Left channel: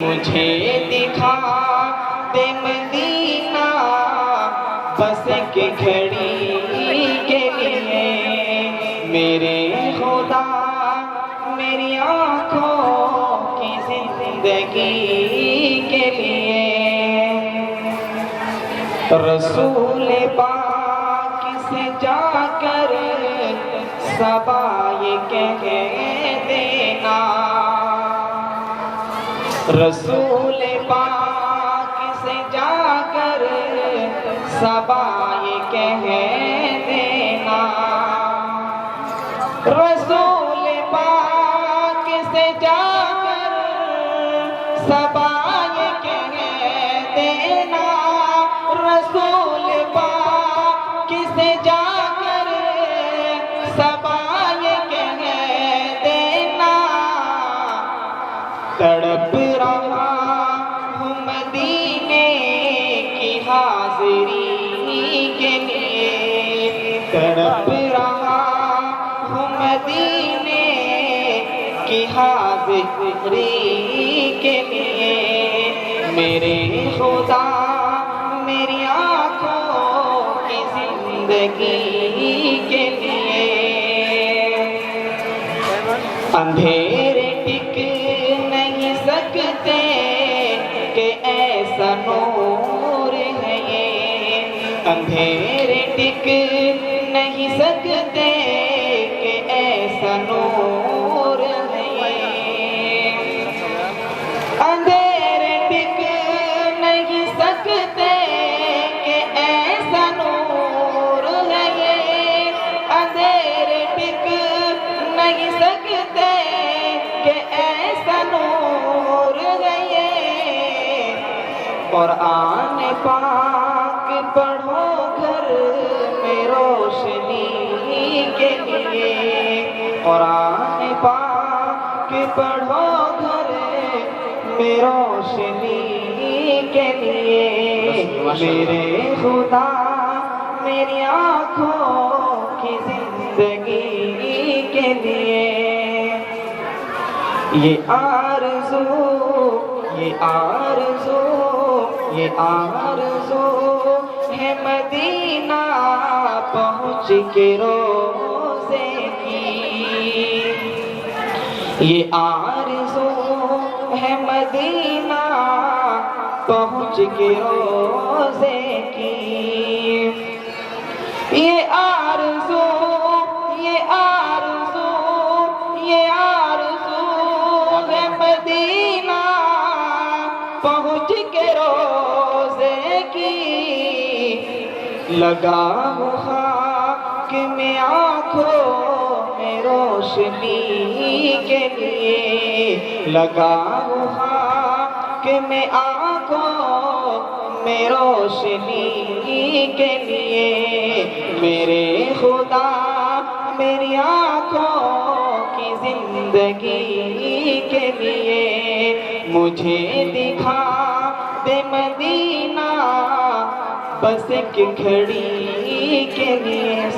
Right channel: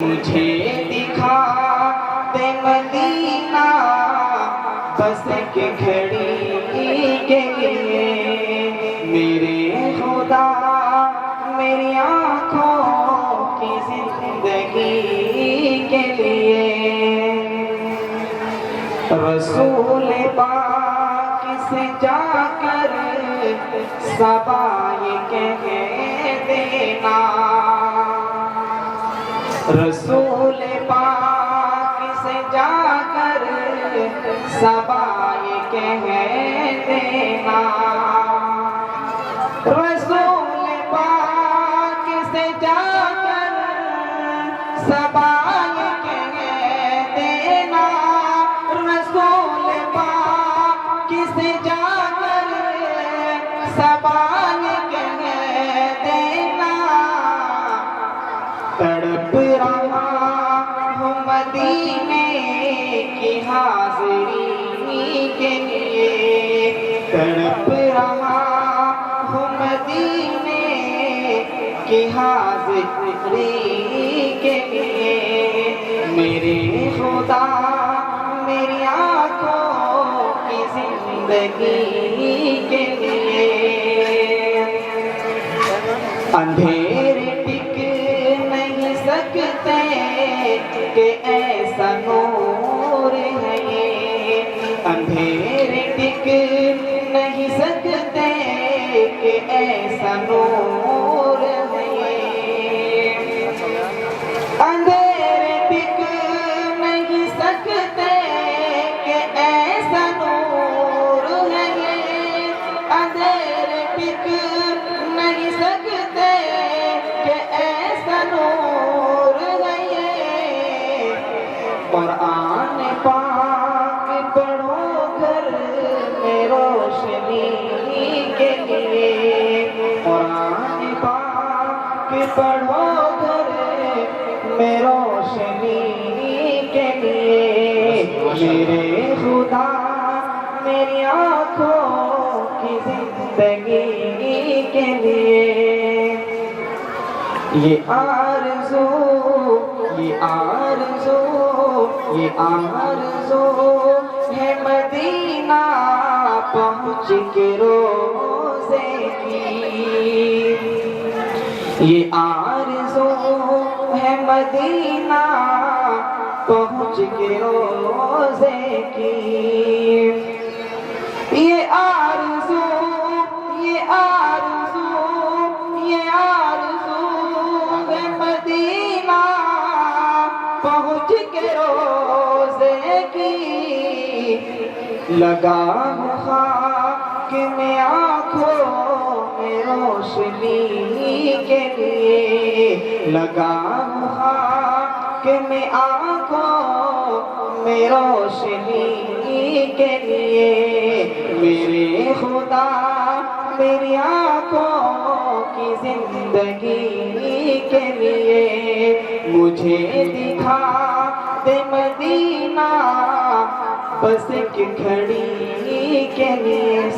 मुझे दिखा दे मदीना बस के घड़ी के लिए, मेरे खुदा मेरी आँखों की जिंदगी के लिए। रसूल पाक से जाकर सबा ये कह देना, रसूल पाक से जाकर सबा ये कह देना, रसूल पाक से जाकर सबा ये कह देना, रसूल पाक से जाकर सबा ये कह देना। तड़प रहा हूँ मदीने की हाज़िरी के लिए, तड़प रहा हूँ मदीने की हाज़िरी के लिए, मेरे खुदा मेरी आँखों की जिंदगी के लिए। अंधेरे टिक नहीं सकते कि ऐसा नूर है ये, अंधेरे टिक नहीं सकते कि ऐसा नूर है ये, अंधेरे टिक नहीं सकते कि ऐसा नूर है ये, अंधेरे टिक नहीं सकते कि ऐसा नूर है ये। कुरान पाक पढ़ो घर में रोशनी के लिए, कुरान पाक पढ़ो घर में रोशनी के लिए, मेरे खुदा मेरी आँखों की जिंदगी के लिए। ये आरज़ू ये आरज़ू ये आरज़ू है मदीना पहुँच के रोज़े की, ये आरज़ू है मदीना पहुँच के रोज़े की। ये आरज़ू ये आरज़ू ये आरज़ू है मदीना पहुँच के रोज़े की, लगा हूँ खाक में आँखों में रोशनी के लिए, लगा हूँ खाक में आँखों में रोशनी के लिए, मेरे खुदा मेरी आँखों की जिंदगी के लिए। मुझे दिखा दे मदीना बस एक घड़ी के लिए।